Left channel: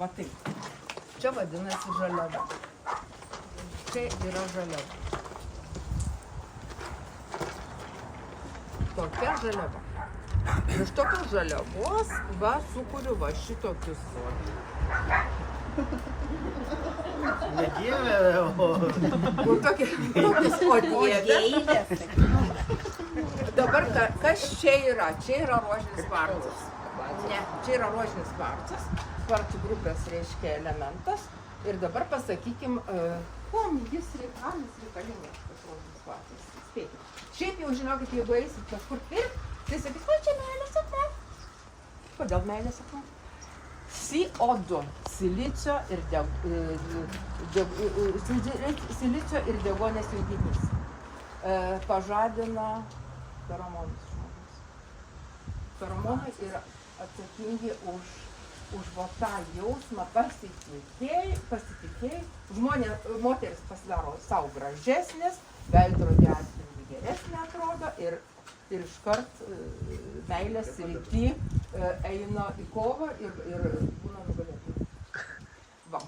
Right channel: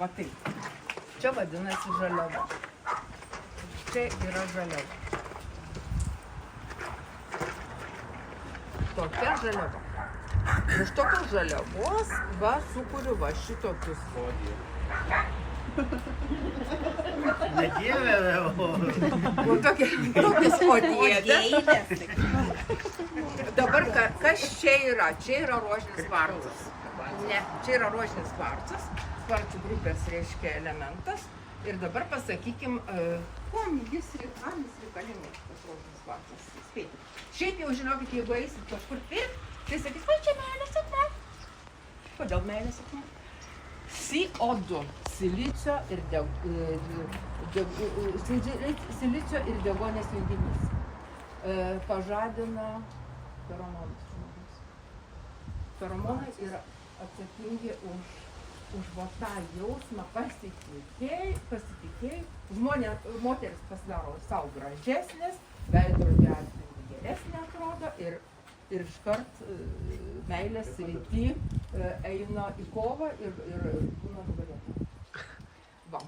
Va taip. Čia vadinasi žaliava. Čia yra žaliava. Tokia žaliava. Iš tokios žaliavos va sukuriu va šitokius. Nedievė, o... Tokias odėlės. Dabar kas čia yra? Čia yra rožinis kvarcas. Ne, čia yra rožinis kvarcas. Kvarcų grupės reiškia elementas. Ir dabar pasakykim, kam jis reikalingas, tas rožinis kvarcas. Spėkit. Šiaip jau žinokit, jeigu eisit kažkur pirkt, tai sakys, va čia meilės akmuo. Kodėl meilės akmuo? CO2, silicio ir deguonies junginys pažadina feromonus žmogaus. Feromonai yra atsakingi už va tą jausmą pasitikėjai. Moteris pasidaro savo gražesnės, veidrodį atspindi geresnė atrodo ir iškart meilės srity eina į kovą ir būna nugalėtoja. Va.